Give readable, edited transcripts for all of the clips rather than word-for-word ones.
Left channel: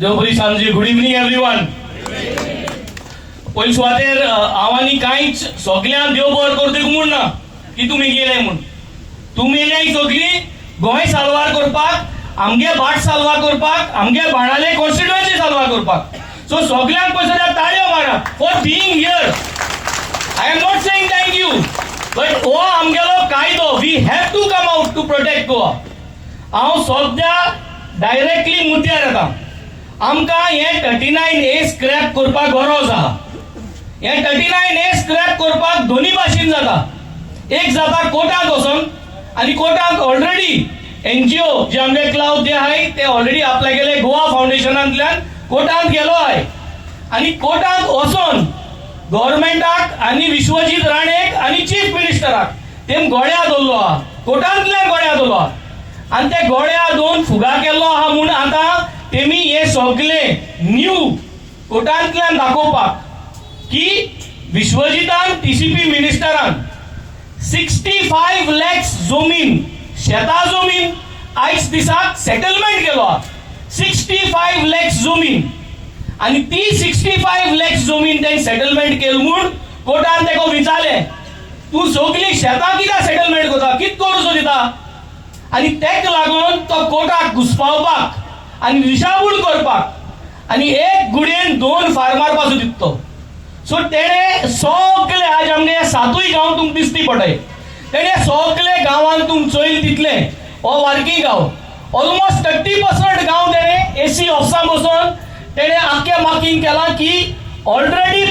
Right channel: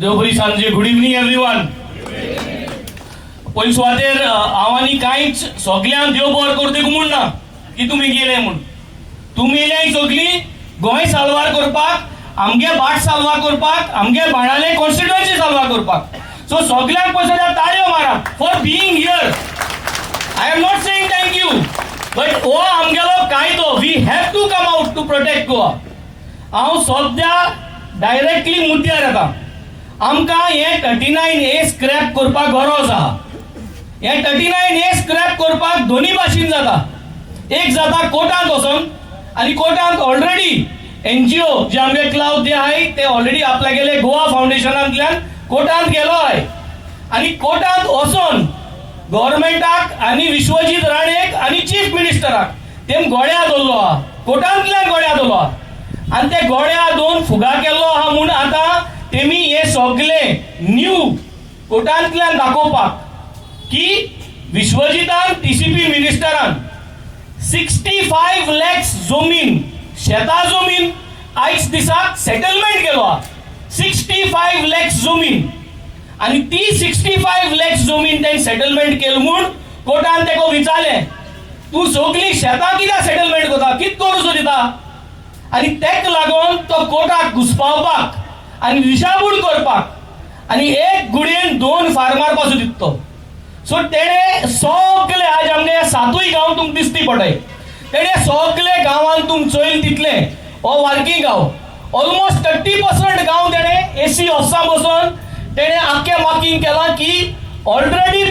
देवबरी सांजे good evening everyone. पयली सुवातेर आवांनी कांयच सगळ्यांक देव बरो करतैक म्हूण ना की तुमी गेले म्हूण. तुमी येयले सगळीं गोंय साल्वार करपाक, आमगे भाट साल्वार करपाक, आमगे बाणाले कॉन्स्टिट्युएन्सी साल्वार करपाक. सो सगळ्यांक पयलीं ताळयो मारा for being here. I am not saying thank you, but हो आमगेलो कायदो. We have to come out to protect Goa. हांव सद्या डायरेक्टली मुद्द्यार येता. आमकां हे 39A स्क्रॅप करपाक गरज आहा. हे 39A स्क्रॅप करपाक दोन्ही भाशेन जाता. एक जाता कोर्टांत वचून, आनी कोर्टांत ऑलरेडी NGO जे आमगे क्लाउड जे आहाय ते ऑलरेडी आपल्या गेले गोवा फाउंडेशनांतल्यान कोर्टांत गेलो आहाय. आनी कोर्टांत वचून गव्हर्नमेंटाक आनी विश्वजीत राणेक आनी चीफ मिनिस्टराक तेम गोड्या दवरलो आहा, कोर्टांतल्यान गोड्या दवरलो आहा. आनी ते गोड्या दोन फुगा केल्लो आहा म्हूण आतां तेमी हे सगळे न्यू कोर्टांतल्यान दाखोवपाक की विश्वजितान TCP मिनिस्टरान 65 lakhs जमीन, शेता जमीन आयज दिसाक सेटलमेंट केलो. 65 lakhs जमीन, आणि ती 65 lakhs जमीन तें सेटलमेंट केली म्हूण कोर्टान तेका विचारले तूं सगळी शेतां कित्याक सेटलमेंट करता, कित करूचो दिता. आनी तेका लागून तो कोर्टाक घुसपावपाक आनी दिशाभूल करपाक आनी एक गुडयेन दोन फार्मार पासून दिसतो. सो तेणे सगळे आज आमगे 7 गांव तुमकां दिसती पडय. तेणे सगळे गांवांत तुम चोयल तितले हो वार्की गांव ऑलमोस्ट 30% गांव तेणे AC ऑफिसां बसून तेणे आख्खे मार्किंग केला की ऑलरेडी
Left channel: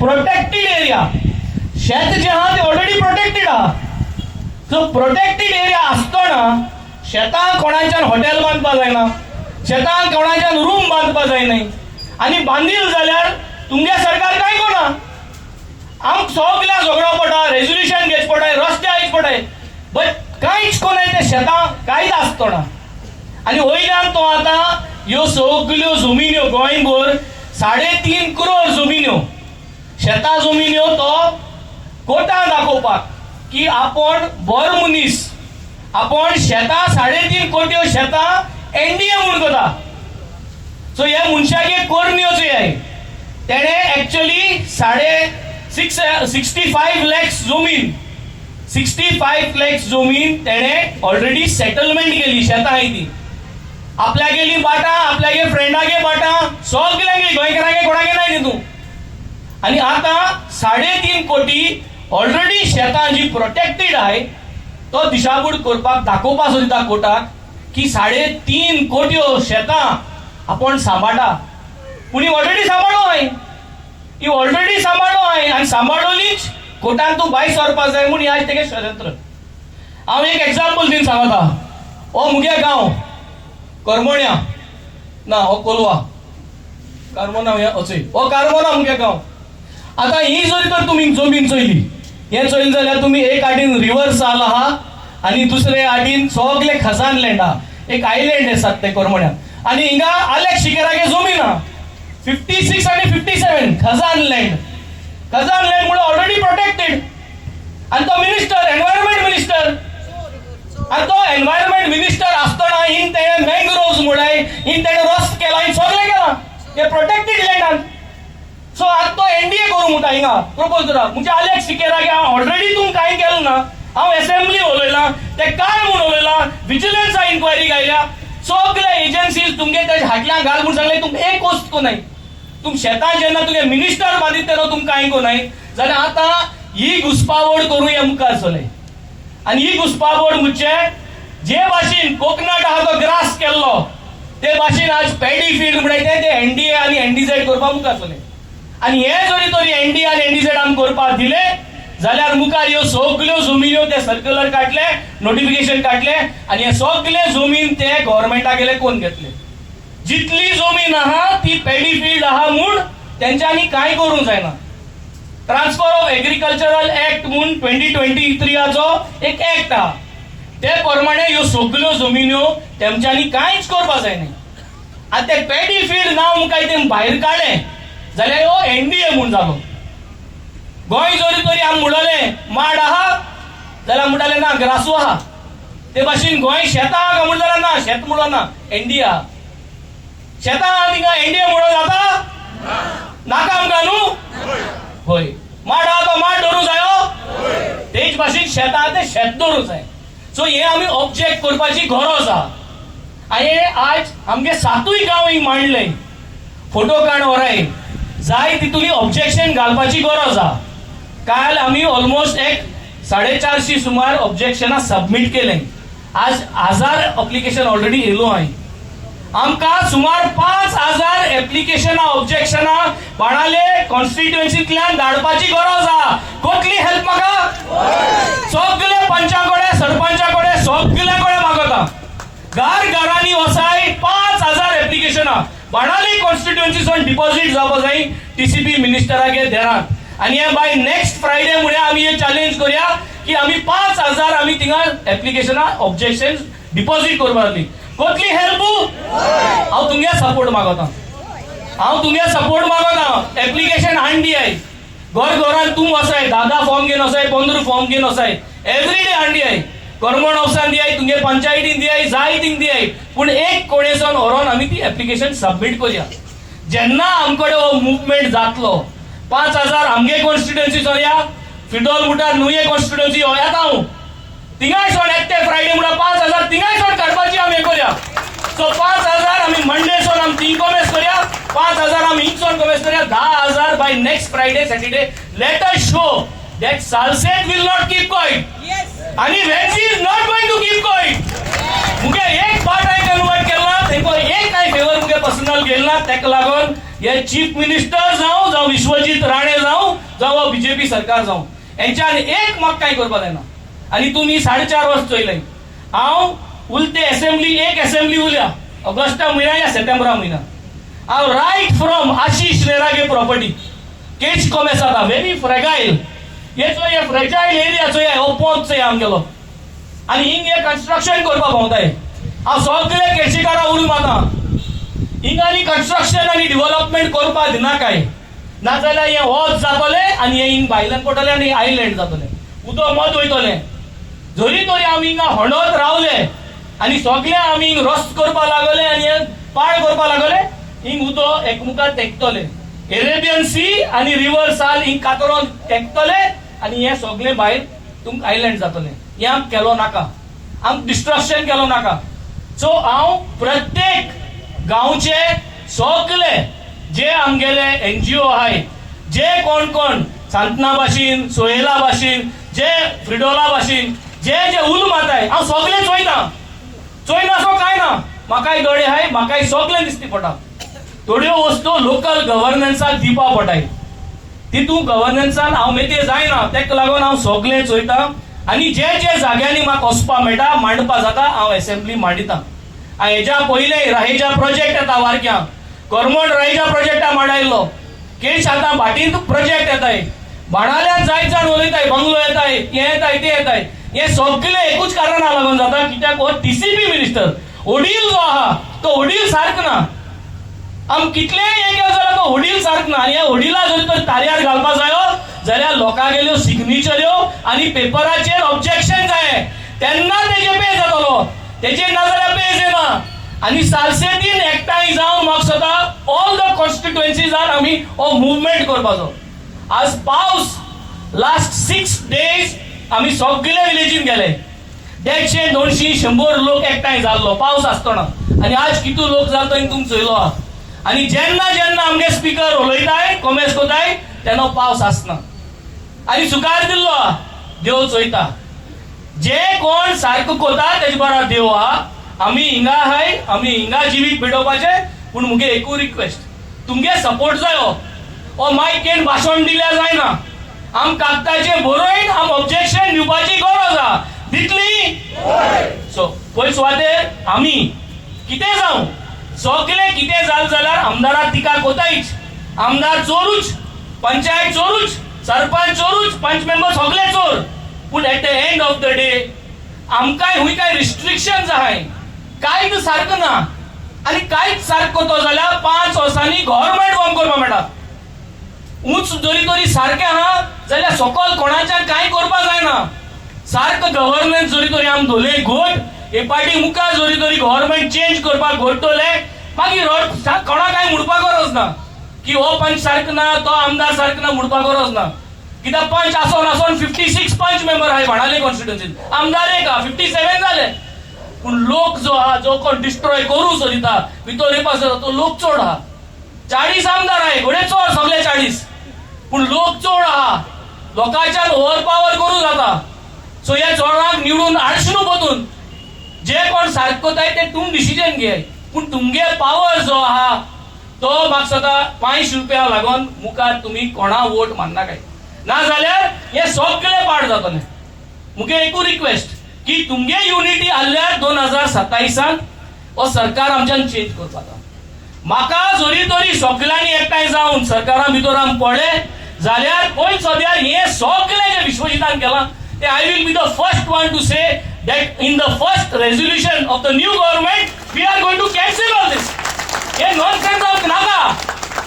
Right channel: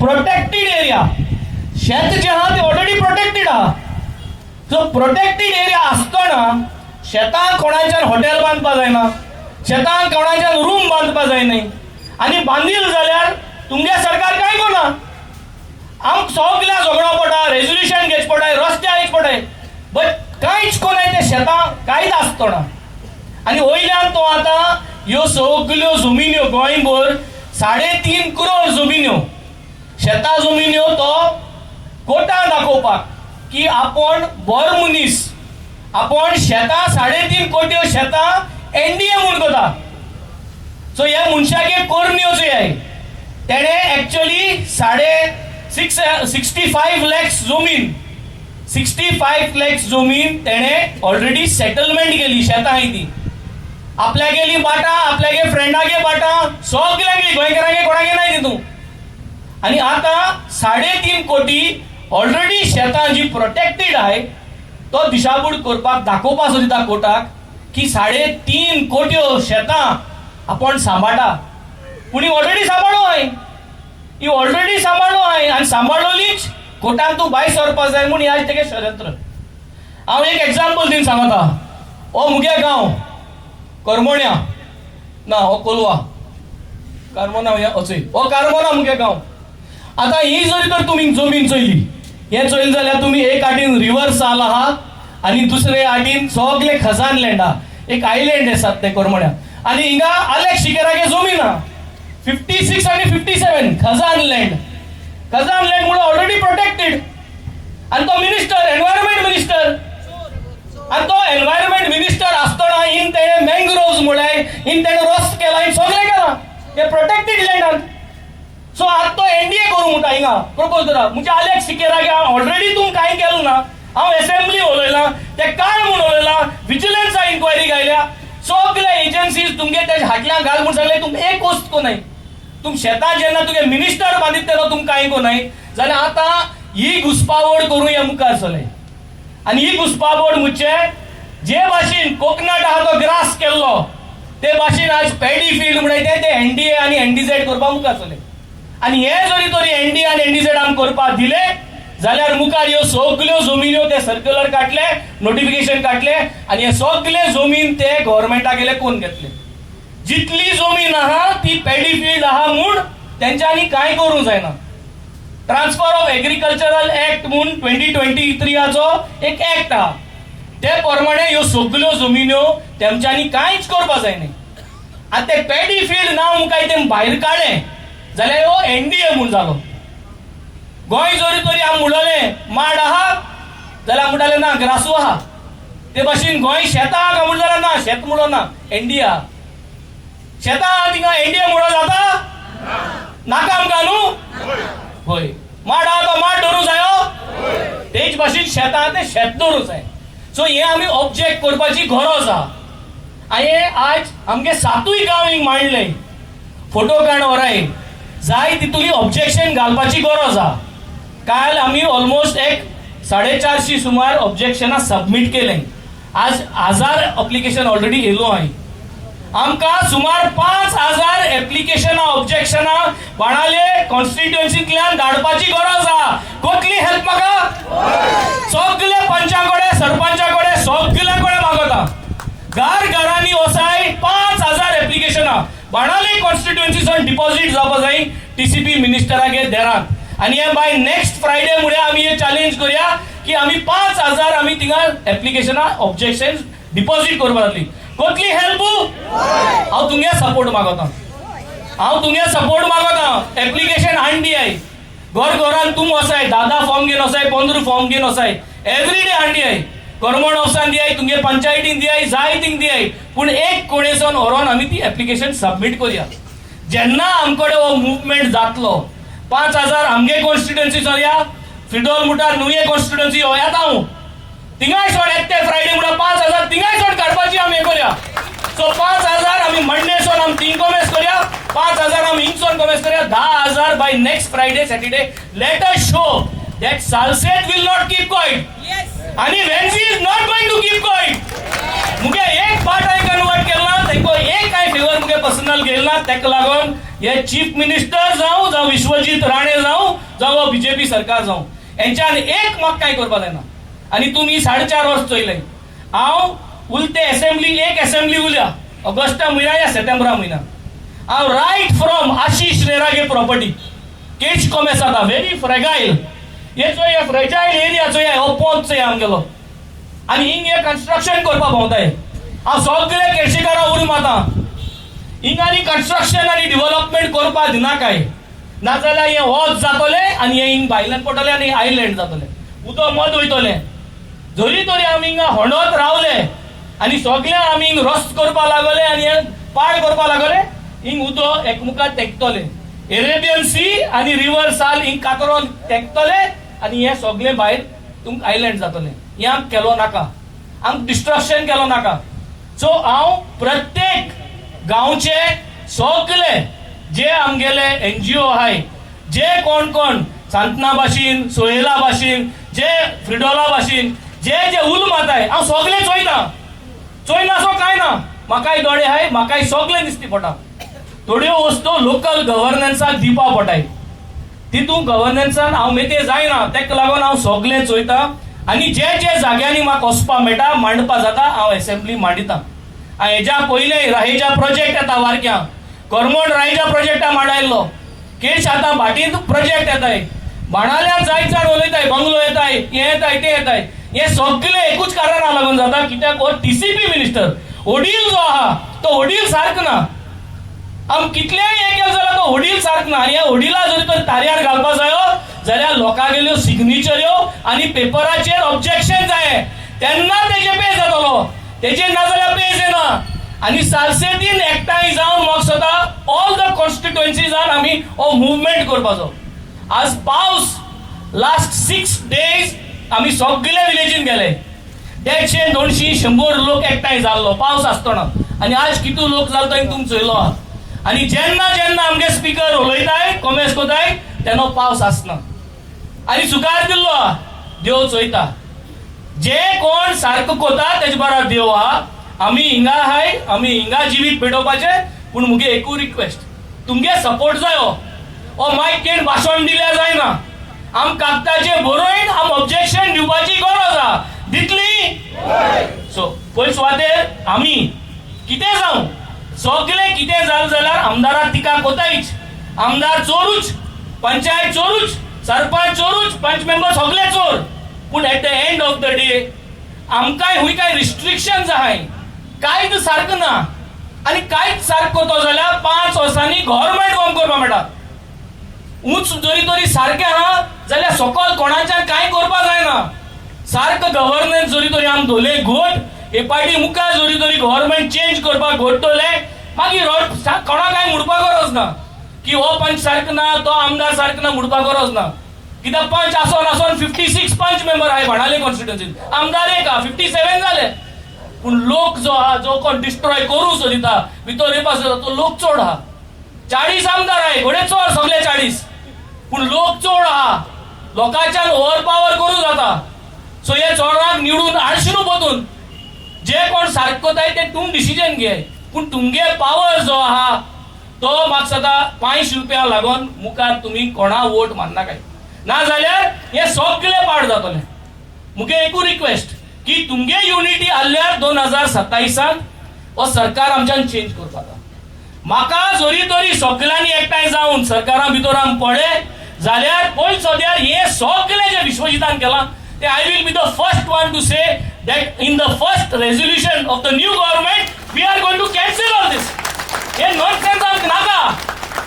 प्रोटेक्टेड एरिया. शेत जे आहा ते ऑलरेडी प्रोटेक्टेड आहा. सो प्रोटेक्टेड एरिया आसतना शेतां कोणाच्यान हॉटेल बांदपा जायना, शेतांत कोणाच्यान रूम बांदपा जायनाय. आनी बांदील जाल्यार तुमगे सरकार कांय करना. आमकां सगळ्यांक झगडो पडटा, रेझोल्युशन घेवचे पडटाय, रस्ते हाडचे पडटाय, बट कांयच कोणाय ते शेतां कांयच आसतना. आनी वयल्यान तो आतां ह्यो सगळ्यो जमिन्यो गोंयभर 3.5 करोड जमिन्यो शेतां जमिन्यो तो कोर्टान दाखोवपाक की आपण बर मनीस, आपण शेतां 3.5 कोटी शेतां NDA म्हणून करता. सो ह्या मनशागे कोरण्यो जे आहाय तेणे एक्चुअली 65 lakhs जमीन 65 lakhs जमीन तेणे ऑलरेडी सेटलमेंट केली. शेतां ती आपल्या गेली बाटा, आपल्यागे फ्रेंडागे बाटा, सगळ्यांगे गोंयकारांगे कोणागे नाही तितू. आनी आतां 3.5 कोटी ऑलरेडी शेतां जी प्रोटेक्टेड आहाय तो दिशाभूल करपाक दाखोवपाचो दिता कोर्टाक की 3.5 कोट्यो शेतां आपण सांबाळटा. पूण ही ऑलरेडी सांबाळो हाय, ही ऑलरेडी सांबाळो हाय आनी सांबाळोलीच कोर्टान तूं भायर सरपाक जाय म्हूण आज तेगे षडयंत्र. हांव एक एग्जाम्पल दिवन सांगता. हो मुगे गांव करमोण्या ना, हो कोलवा कार्मोना अचय, हो कार्मोना मुगे गांव. आता ही जरी तर तुम्ही जमीन चोयली, हे चोयली जाल्यार तुम्ही एक आटीन रिव्हर साल आहा आणि दुसरे आटीन सगळे खजान लँड आहा. एक आयलँड आसात ते करमोण्या आणि हिंगा आलेख शिकेरागे जमीन आहा 56 आणि 57 खजान लँड. खजान लँड म्हणून ऑलरेडी प्रोटेक्टेड. आणि तो मिनिस्टर एन्व्हायरमेंट मिनिस्टर, आणि तो एन्व्हायरमेंट मिनिस्टर असताना इन तेणे मँग्रोव्ज म्हणून इन तेणे रस्त केला, इन सगळे केला हे प्रोटेक्टेड लँडान. सो आज तो NDA करू म्हणटा हिंगा प्रपोज करा. म्हणजे आलेख सिकेरागे ऑलरेडी तुम काय केलं ना. हांव असेंब्ली उलयला ते काय म्हणून उलयला, विजिलन्स इन्क्वायरी घायल्या, सगळे एजन्सीज तुमगे त्याच्या हाटल्यान घाल म्हणून सांगले. तुम एक वस्त कोनाय. तुम शेतां जेन्ना तुगे मिनिस्टर बांदीत तेन्ना तुम कांय कोनाय जाल्यार आतां ही घुसपावड करूं हे मुखार चलय. आनी ही घुसपावड म्हणजे जे भाशेन कोकणात आहा तो ग्रास केल्लो ते भाशेन आज पॅडी फील्ड म्हणटा ते NDA आनी NDZ करपाक मुखार चलय. आनी हे जरी तरी NDA आनी NDZ आमी करपाक दिले जाल्यार मुखार ह्यो सगळ्यो जमिन्यो ते सर्क्युलर काडले, नोटिफिकेशन काडले आनी हे सगळे जमीन ते गव्हर्नमेंटागेले कोण घेतले. जितली जमीन आहा ती पॅडी फील्ड आहा म्हूण तेंच्यांनी कांय करूंक जायना. ट्रान्सफर ऑफ एग्रीकल्चरल ऍक्ट म्हणून 2023 एक ऍक्ट आहा. ते प्रमाणे ह्यो सगळ्यो जमिन्यो तेंच्यांनी कांयच करपाक जायना. आतां ते पॅडी फील्ड नांव मुखार ते भायर काडले जाल्यार हो NDA म्हणून जालो. गोंय जरी तरी आमी म्हणलें माड आहा जाल्यार म्हणटाले ना ग्रासू आहा. ते भाशेन गोंय शेतां आहा काय म्हणून जाल्यार ना शेत म्हणून ना NDA आहा. शेतां थिंगा एनडीए म्हणून जाता नाका आमकां न्हू होय माड आहा तो माड दवरूं जायो तेच भाशेन शेत आहा ते शेत दवरूं जाय सो हे आमी ऑब्जेक्ट करपाची गरज आहा आणि आज आमगे 7 गांव हिंग मांडले फोटो काड वराय जाय तितुली ऑब्जेक्शन घालपाची गरज आहा काल आमी ऑलमोस्ट एक 450 सुमार ऑब्जेक्शनां सबमिट केले आज 1000 एप्लिकेशन ऑलरेडी येयलो हाय आमकां सुमार 5000 एप्लिकेशनां ऑब्जेक्शनां बाणाले कॉन्स्टिट्युएन्सींतल्यान धाडपाची गरज आहा कोटली हेल्प म्हाका सगळे पंचाकडे सरपंचाकडे सगळे कडेन मागता घरांनी वसाय 5000 एप्लिकेशनां बाणाले कॉन्स्टिट्युएन्सीसून डिपॉझिट जावपा जाय टीसीपी मिनिस्टरागे देरात आणि हे बाय नेक्स्ट फ्रायडे मुळे आमी हे चॅलेंज करूया की आमी 5000 आमी थिंगा एप्लिकेशनां ऑब्जेक्शन डिपॉझिट करपा जातली कोटली हेल्प हांव तुमगे सपोर्ट मागता एप्लिकेशन हाडून दियाय घरान तुम वसाय 10 फॉर्म घेवन वसाय 15 फॉर्म घेवन वसाय एवरीडे हाडून दियाय गव्हर्नमेंट ऑफिसान दियाय तुमगे पंचायतीन दियाय जाय थिंग दियाय पूण एक कोणेसून व्हरोन आमी ती एप्लिकेशन सबमिट करूया जेन्ना आमकडे हो मुवमेंट जातलो 5000 आमगे कॉन्स्टिट्युएन्सीचो या फिडोल मुठार नुये कॉन्स्टिट्युएन्सी हो येता हांव थिंगाय सोड एकटे फ्रायडे म्हणून 5000 थिंगाय सोड काडपाची आमी हे करूया सो 5000 आमी मंडे सोड आमी थिंग कमेस करूया 5000 आमी हिंगसोन कमेस करूया 10000 by next Friday Saturday let us show that Salsette will not keep quiet. Yes. आणि Vensi is not going to keep quiet. मुगे एक बात आहे कन्वर्ट केला तेको एक काय फेवर मुगे पर्सनल गेलना तेक लागून हे चीफ मिनिस्टर जाऊ विश्वजीत राणे जाऊ बीजेपी सरकार जाऊ यांच्यान एक म्हाका काय करपा जायना आणि तुम्ही 4.5 वर्ष चोयले हांव उलते असेंब्ली एक असेंब्ली उल्या ऑगस्टा म्हयन्या या सप्टेंबरा म्हयन्या हांव रायट फ्रॉम आशिष नेरागे प्रॉपर्टी केच कॉमेस आता व्हेरी फ्रेगाईल ये फ्रेजाईल एरियाचो हो पोंच आमगेलो आनी हिंग हे कन्स्ट्रक्शन करपा भोंवताय हांव सगळे केळशीकारा उरून माता हिंग आनी कन्स्ट्रक्शन आनी डेव्हलपमेंट करपा दिनाकाय नाजाल्यार हे वच जातले आनी हे हिंग भायल्यान पडटले आनी आयलँड जातले उदक मत वयतले जरी तरी आमी हिंगा हणत रावले आनी सगळे आमी हिंग रस्त करपा लागले आनी हे पाड करपा लागले हिंग उदक एकमुखार तेंकतले एरेबियन सी आनी रिवर साल हिंग कातरोन तेंकतले आणि हे सगळे भायर तुमकां आयलँड जातले हे आमकां केलो नाका आमकां डिस्ट्रक्शन केलो नाका सो हांव प्रत्येक गांवचे सगळे जे आमगेले एनजीओ आहाय जे कोण सांतना भाशेन सोहेला भाशेन जे फ्रिडोला भाशेन जे उल माताय हांव सगळे चोयना सो काय ना म्हाकाय दोळे आहाय म्हाकाय सगळे दिसती पडटा थोड्यो वस्तू लोकल गव्हर्नन्साक दिवपा पडटाय तितू गव्हर्नन्सान हांव मेते जायना तेका लागून हांव सगळे चोयता आनी जे जाग्यांनी म्हाका वचपा मेळटा मांडपा जाता हांव असेंब्ली मांडिता हेज्या पयले राहेजा प्रोजेक्ट येता वारक्या गव्हर्नमेंट राहेजा प्रोजेक्टा मांडायल्लो केस आतां भाटींत प्रोजेक्ट येताय बाणाल्या जायत उलयताय बंगलो येताय हे येताय ते येताय हे सगळे एकूच कारणा लागून जाता कित्याक हो टीसीपी मिनिस्टर ओडील जो आहा तो ओडील सारको ना आम कितलेय हे केलें जाल्यार तो होडील सारको ना आनी ह्या होडीला जरी तर तार्यार घालपा जायो जाल्यार लोकां गेल्यो सिग्नेचऱ्यो आनी पेपराचेर ऑब्जेक्शन जाय तेन्ना तेजे पे जातलो तेजे ना जाल्यार पे जायना आनी सालसेतीन एकठांय जावन म्हाका सदां ऑल द कॉन्स्टिट्युएन्सीज आर आमी हो मुवमेंट करपाचो आज पावस लास्ट 6 days आमी सगळे विलेजीन गेले 150 200 100 लोक एकठांय जाल्लो पावस आसतना आनी आज कितू लोक जालो तो तुमी चोयलो आहा आणि जेन्ना आमगे स्पीकर उलयताय कमेस कोताय तेन्ना पावस आसना आनी सुकार दिल्लो देव चोयता जे कोण सारको कोता तेजे बरा देव आहा आमी हिंगा आहाय आमी हिंगा जिवीत पेटोवपाचे पूण मुगे एकू रिक्वेस्ट तुमगे सपोर्ट जायो ओ मायक घेवन भाशण दिल्या जायना आम कागदाचेर बरोवन आम ऑब्जेक्शन दिवपाची गरज आहा दितली सो पयस सुवातेर आमी कितें जावं सगळे कितें जालें जाल्यार आमदाराक टिका कोतायच आमदार चोरूच पंचायत चोरूच सरपंच चोरूच पंच मेंबर सगळे चोर पूण at the end of the day आमकांय हुंय काय रिस्ट्रिक्शन्स आहाय कांयच सारको ना आनी कांयच सारको तो जाल्यार 5 वर्सांनी गव्हर्नमेंट फॉर्म करपा मेळटा उंच जरी तरी सारकें ना जाल्यार सकयल कोणाच्यान कांय करपा जायना सारको गव्हर्नन्स जरी तरी आमी धोले घोट एक पार्टी मुखार जरी तरी गव्हर्नमेंट चेंज करपाक घोट्टले मागीर कोणा काय म्हणपाक गरज ना की हो पंच सारको ना तो आमदार सारको ना म्हणपाक गरज ना कित्याक पंच आसोन 56 पंच मेंबर आहाय बाणावले कॉन्स्टिट्युएन्सीत आमदार एक 57 जाले पूण लोक जो आहा जो कोण डिस्ट्रॉय करूं सोदिता भितर येवपा सोदता तो लोक चड आहा 40 आमदार आहाय घोडे चड सगळे 40 पूण लोक चड आहा लोकांच्यान ओव्हर पावर करूं जाता सो हे चोराक निवडून हाडशिनू पोतून जे कोण सारको जाय ते तुम डिसिजन घे पूण तुमगे पावर जो आहा तो म्हाका सदां 5 रुपया लागून मुखार तुम्ही कोणा वोट मारनाकाय ना जाल्यार हे सगळे पाड जातले मुगे एकू रिक्वेस्ट की तुमगे युनिटी आसल्यार 2027 हो सरकार आमच्यान चेंज करता म्हाका जोरी तोरी सगळ्यांनी एकठांय जावन सरकारा भितर आमी पडले जाल्यार पयस सद्यार हे सगळे जे विश्वजितान केलां ते I will be the first one two say that in the first resolution of the new government we are going to cancel all this हे nonsense of naga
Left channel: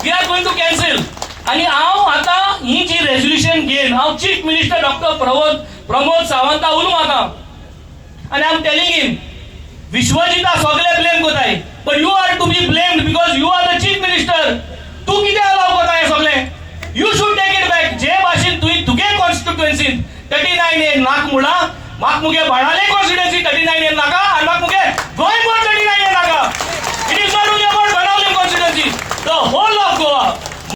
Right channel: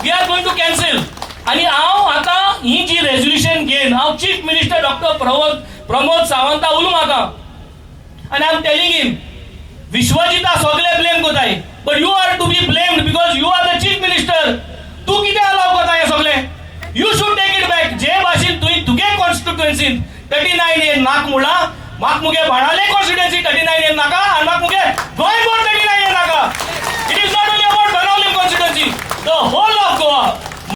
we are going to cancel आणि हांव आता ही जी resolution घेन हांव chief minister doctor Pramod Savanta उलूं आता and I am telling him विश्वजिता सगळे blame कोताय but you are to be blamed because you are the chief minister तू कितें अलाव कोताय सगळे you should take it back जे भाशेन तुगे कॉन्स्टिट्युएन्सीन 39 हे नाक मुळा म्हाका मुगे बाणावले कॉन्स्टिट्युएन्सी 39 हे नाका आनी म्हाका मुगे गोंय 39 हे नाका it is not only about Benaulim constituency the whole of Goa